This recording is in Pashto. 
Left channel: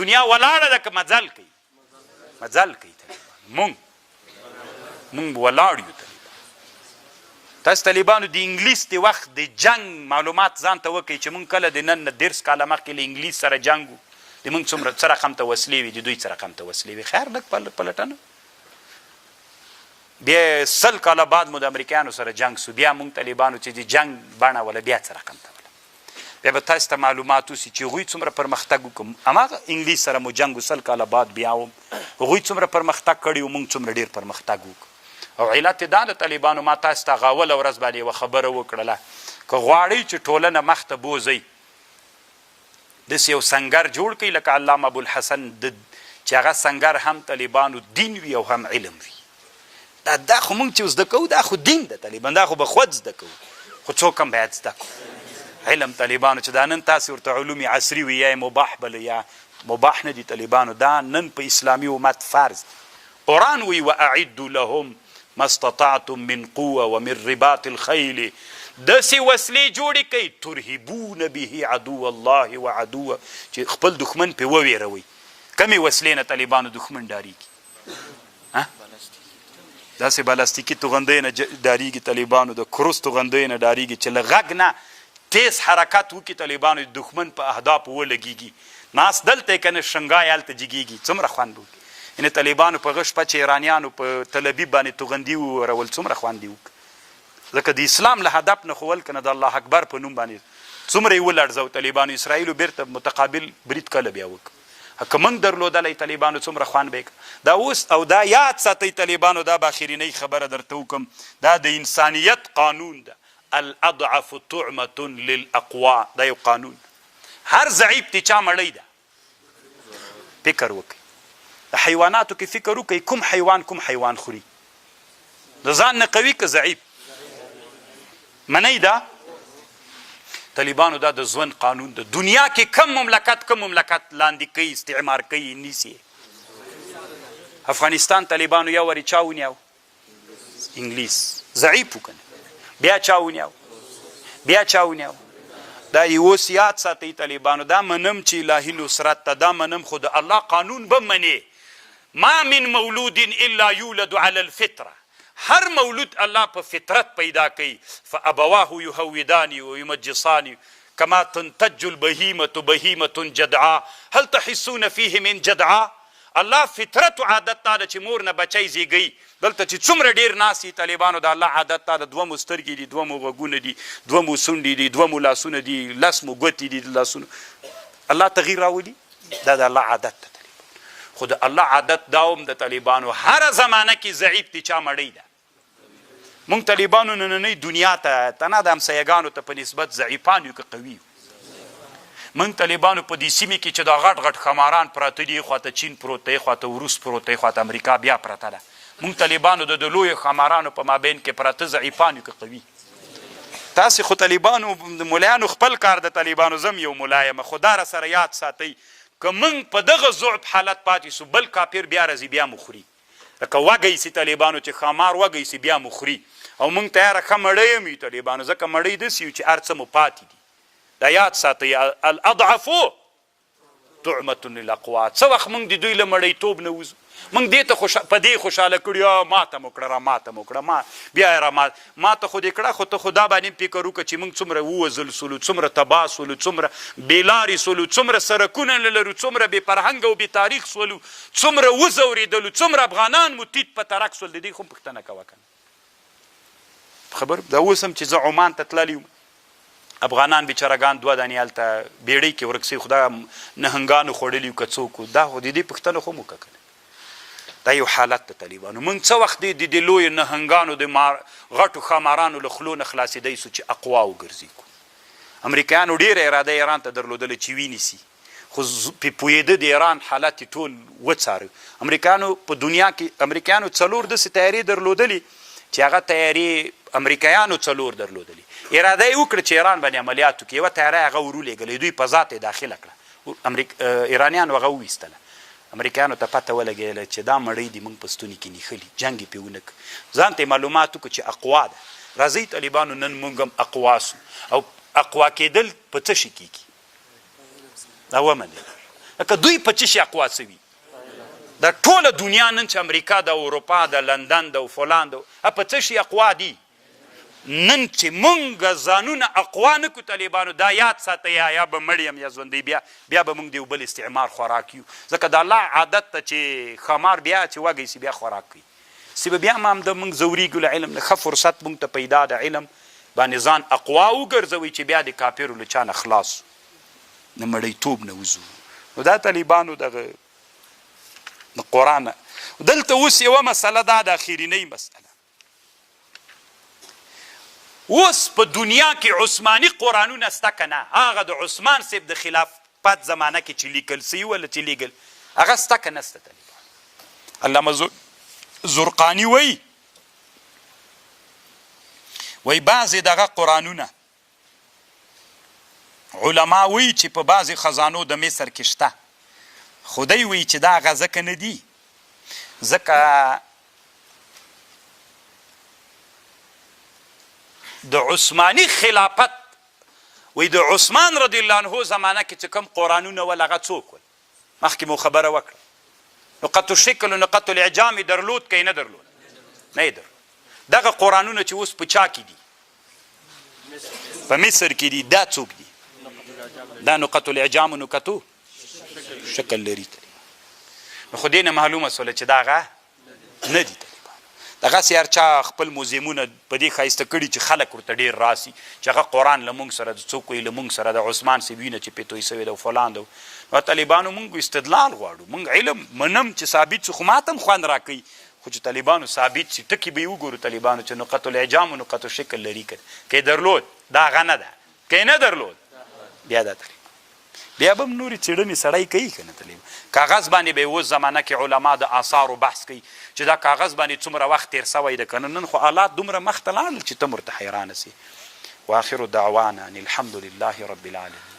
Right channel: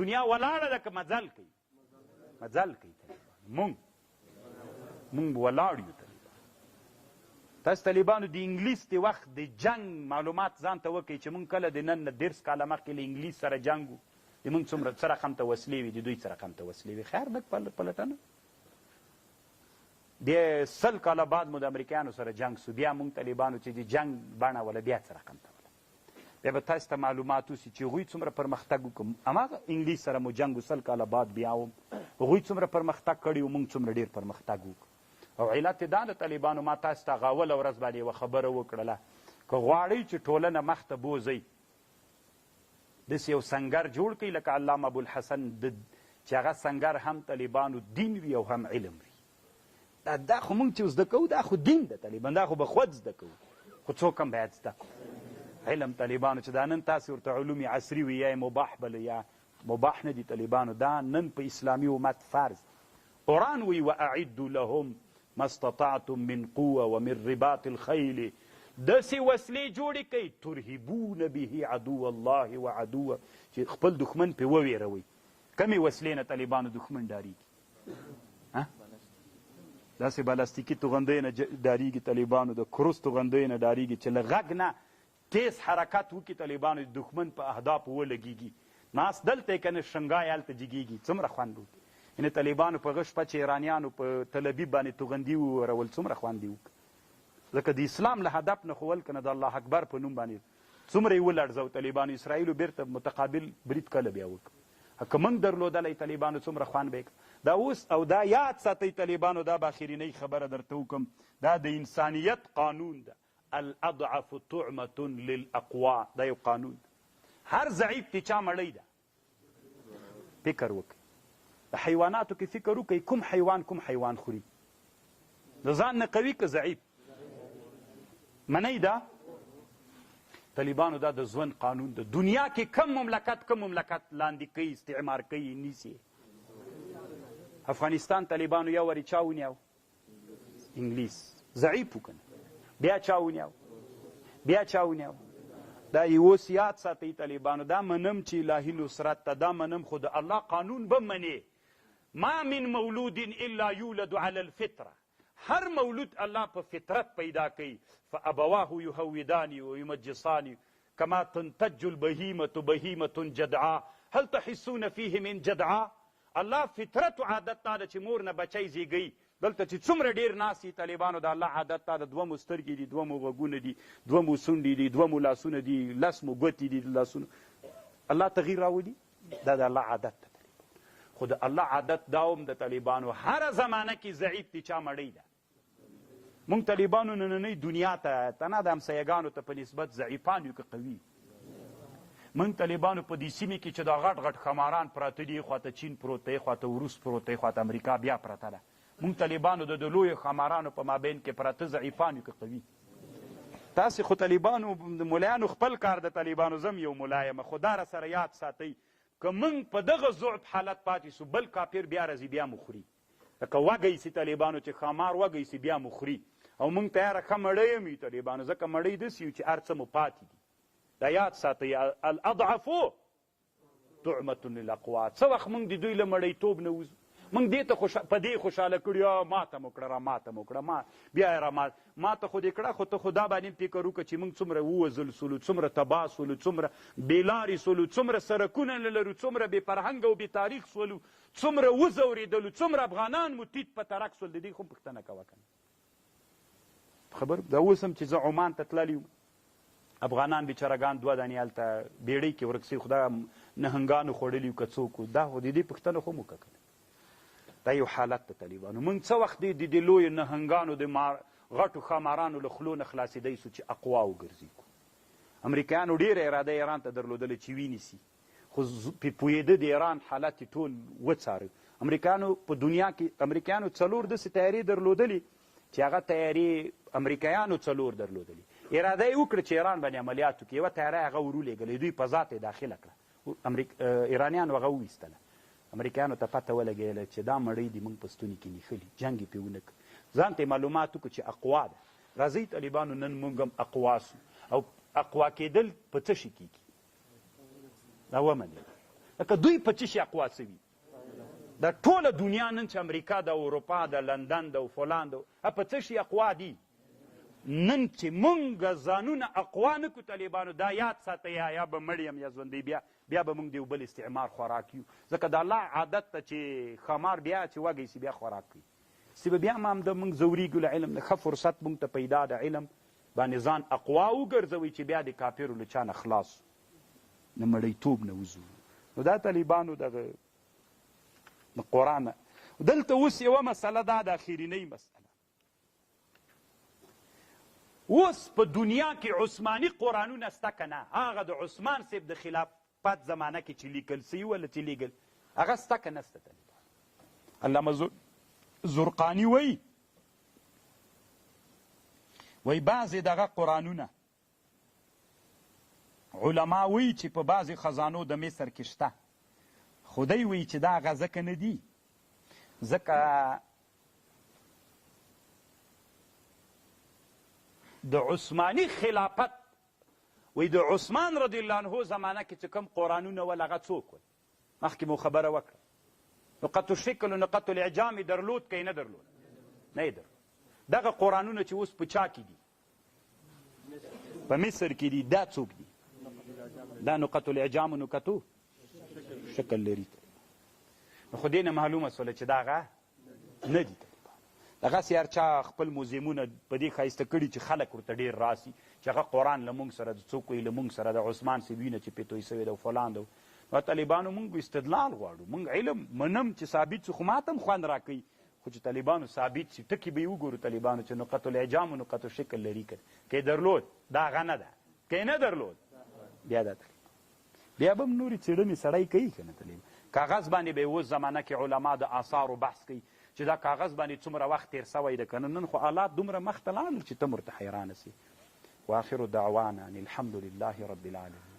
دنیا ولاړه ده که مزل کوي مزل کوي طالبان مونږ ولاړ یو تاسو طالبانو د انګلیس د وخت د جنگ معلومات ځان ته وکړئ چې مونږ کله د نن نه 10 کاله مخکې له انګلیس سره جنګ و د مونږ څومره څه رقم ته وسلې وي د دوی څه رقم ته وسلې وي خیر لږ پلټنه بیا 100 کاله بعد مو د امریکایانو سره جنگ سو بیا مونږ طالبانو چې د جنگ بڼه ولا بیا څه رقم ته ولا بیا به تاسو ته معلومات وسي چې هغوی څومره پرمختګ وکړو هماغه انګلیس سره مو جنګ 100 کاله بعد بیا هم هغوی څومره پرمختګ کړي و مونږ څومره ډېر پرمختګ وکړو او علت دا د طالبانو ما تاسو ته غاوله ورځ باندې یوه خبره وکړله که غواړئ چې ټولنه مخته بوځئ داسې یو سنګر جوړ کړئ لکه علامه ابوالحسن چې هغه سنګر هم طالبانو دین وي او هم علم وي دا خو مونږ چې زده کوو دا خو دین ده طالبان دا خو به خود زده کوو خو څوک هم باید زده کوو علم طالبانو چې دا نن تاسې ورته علوم عصري وي یا مباح بله یا مباح نه دي طالبانو دا نن په اسلامي امت فرض قرآن وی واعدوا لهم ما استطعتم من قوه ومن رباط الخيل داسې وسلې جوړې کوي ترهبون به عدو الله وعدوه چې خپل دښمن پې وویروئ کمې وسلې نه طالبانو دښمن ډارېږي داسې بلاستیکي توغندۍ نه ډارېږي طالبانو د کروس توغندۍ نه ډارېږي چې له غږ نه تیز حرکت وکړي طالبانو د دښمن په اهدافو ولګېږي ناست دلته یې که نه شنګای هلته جګېږي څومره خوند وکړي یعنې طالبانو په غش په چې ایرانیانو په تل ابیب باندې توغندي وورول څومره خوند یې وکړه ځکه د اسلام له هدف نه خو ول که نه د الله اکبر په نوم باندې څومره یې ولړزو طالبانو اسرائیلو بیرته متقابل برید کله بیا وکړه که موږ درلودلی طالبانو څومره خوند به یې دا اوس او دا یاد ساتئ طالبانو دا به اخرینۍ خبره درته وکړم دا د انسانیت قانون ده الاضعف طعمة للاقوا دا یو قانون هر ضعیف تی چا مړی ده فکر وکړئ د حیواناتو کې فکر وکړئ کوم حیوان خوري د ځان نه قوي که ضعیف منئ دا طالبانو دا د ژوند قانون د دنیا کې کم مملکت لاندې کوي استعمار کوي نیسي افغانستان طالبانو یو وری چا ونیو انګلیس ضعیف وکنه بیا چا ونیو دا اوس یاد ساتئ طالبانو دا منم چې الهي نصرت ته دا منم خو د الله قانون به منې ما من مولود الا یولد علی الفطره هر مولود الله په فطرت پیدا کوي فابواه یهودانی و یمجصانی کما تنتج البهیمة بهیمة جدعا هل تحسون فیه من جدعا الله فطرت و عادت تا ده چې مور نه بچی زیږوي دلته چې څومره ډېر ناست دي طالبانو د الله عادت تا ده دوه مو سترګې دي دوه مو غوږونه دي دوه مو سونډې دي دوه مو لاسونه دي لس مو ګوتې دي د لاسونو الله تغییر راولي دا د الله عادت ده خو د الله عادت دا هم د طالبانو هره زمانه کې ضعیف دي چا مړی ده مونږ طالبانو نننۍ دنیا ته تنه د همسایګانو ته په نسبت ضعیفان یو که قوي یو مونږ طالبانو په دې سیمې کې چې دا غټ خماران پراته دي خواته چین پروت دی خواته روس پروت دی خواته امریکا بیا پرته ده مونږ طالبانو د لویو خمارانو په مابین کې پراته ضعیفان یو که قوي تاسې خو طالبانو د ملایانو خپل کار د طالبانو زم یو ملا یم خو دا راسره یاد ساتئ که موږ په دغه ضعف حالت پاتې سو بل کافر بیا راځي بیا مو خوري لکه وږی سي طالبانو چې خمار وږی سي بیا مو خوري او موږ ته یاره ښه مړی یم یو طالبانو ځکه مړی داسې یو چې هر څه مو پاتې دي دا یاد ساتئ الاضعف طعمة للاقوا څه وخت موږ د دوی له مړیتوب نه وځو موږ دې ته په دې خوشحاله کړي ماته مو کړه ماته مو کړه بیا یې ماته خو دې کړه خو ته خو دا باندې فکر وکړه چې موږ څومره ووژل سولو څومره تباه سولو څومره بېلارې سولو څومره سرکونه نه لرو څومره بې فرهنګه او بې تاریخ سولو څومره وځورېدلو څومره افغانان مو تیت په ترک سول د دې خو هم پوښتنه کوه که نه خبر دا اوس هم چې زه عمان ته تللی یم افغانان بیچارهګان دوه دانې هلته بیړۍ کې ورک سوي خو دا نهنګانو خوړلي که څوک دا خو د دې پوښتنه خو مو وکړه دا یو حالت د طالبانو موږ څه وخت د دې لویو نهنګانو د غټو ښامارانو له خولو نه خلاصېدی سو چې اقوا وګرځي امریکایانو ډېره اراده ایران ته درلودله چې وینیسي خو پوهېده د ایران حالت یې ټول وڅاره امریکایانو په دنیا کې امریکایانو 4 داسې تیارې درلودلي چې هغه تیارې امریکایانو 4 درلودلي اراده یې وکړه چې ایران باندې عملیات وکړي یوه تیاره یې هغه ورولېږله دوی په ذات یې داخله کړه ایرانیانو هغه وویستله امریکایانو ته پته ولګېدله چې دا مړۍ دي موږ په ستوني کې نیښلي جنګ یې پرې ونه کړه ځان ته یې معلومات وکړو چې اقوا ده راځئ طالبانو نن موږ هم اقوا سو او اقوا کېدل په څه شي کېږي دا ومنئ لکه دوی په څه شي اقوا سوي د ټوله دنیا نن چې امریکا د اروپا د لندن د فلان د په څه شي اقوا دي نن چې مونږ ځانونه اقوا نه کړو طالبانو دا یاد ساته یا به مړ یم یا ژوندی بیا به مونږ د یو بل استعمار خوراک یو ځکه د الله عادت ته چې ښامار بیا چې وږی سي بیا خوراک کوي سی به بیا هم د مونږ ځورېږو له علم نه ښه فرصت مونږ ته پیدا د علم باندې ځان اقوا وګرځوئ چې بیا د کافرو له چا نه خلاص د مړیتوب نه وځو نو دا طالبانو دغه د قرآن دلته اوس یوه مسله دا د اخرینۍ مسله اوس په دنیا کې عثماني قرآنونه شته که نه هغه د عثمان صاحب د خلافت زمانه کې چې لیکل سوي ولا چې لیکل هغه شته که نه شته طالبان علامه زرقاني وایي بعضې دغه قرآنونه علما وایي چې په بعضې خزانو د مصر کې شته خو دی وایي چې دا هغه ځکه نه دي ځکه د عثماني خلافت وایي د عثمان رضی الله عنه زمانه کې چې کوم قرآنونه ول هغه څوک ول مخکې مو خبره وکړه نقط الشکل و نقط الاعجام درلود که یې نه درلود نه یې درلود دغه قرآنونه چې اوس په چا کې دي په مصر کې دي دا څوک دي دا نقط الاعجام و نقطو شکل لري نو خو دې نه معلومه سوله چې دا هغه نه دي دغسې هر چا خپل موزیمونه په دې ښایسته کړي چې خلک ورته ډېر راسي چې هغه قرآن له مونږ سره د څوک وایي له مونږ سره د عثمان صاحب وینه چې پې توی سوې ده او فلان ده نو طالبانو مونږ استدلال غواړو مونږ علم منم چې ثابت شو خو ماته هم خوند راکوي خو چې طالبانو ثابت شي ټکي به یې وګورو طالبانو چې نقط الاعجام و نقط شکل لري که که یې درلود دا هغه نه ده که یې نه درلود بیا دا طالب بیا به هم نورې څېړنې سړی کوي که نه طالب کاغذ باندې به یې اوس زمانه کې علما د آثارو بحث کوي چې دا کاغذ باندې څومره وخت تېر سوی ده که نه نن خو آلات دومره مخته لاړل چې ته ورته حیرانه سي واخر دعوانا ان الحمد لله رب العالمین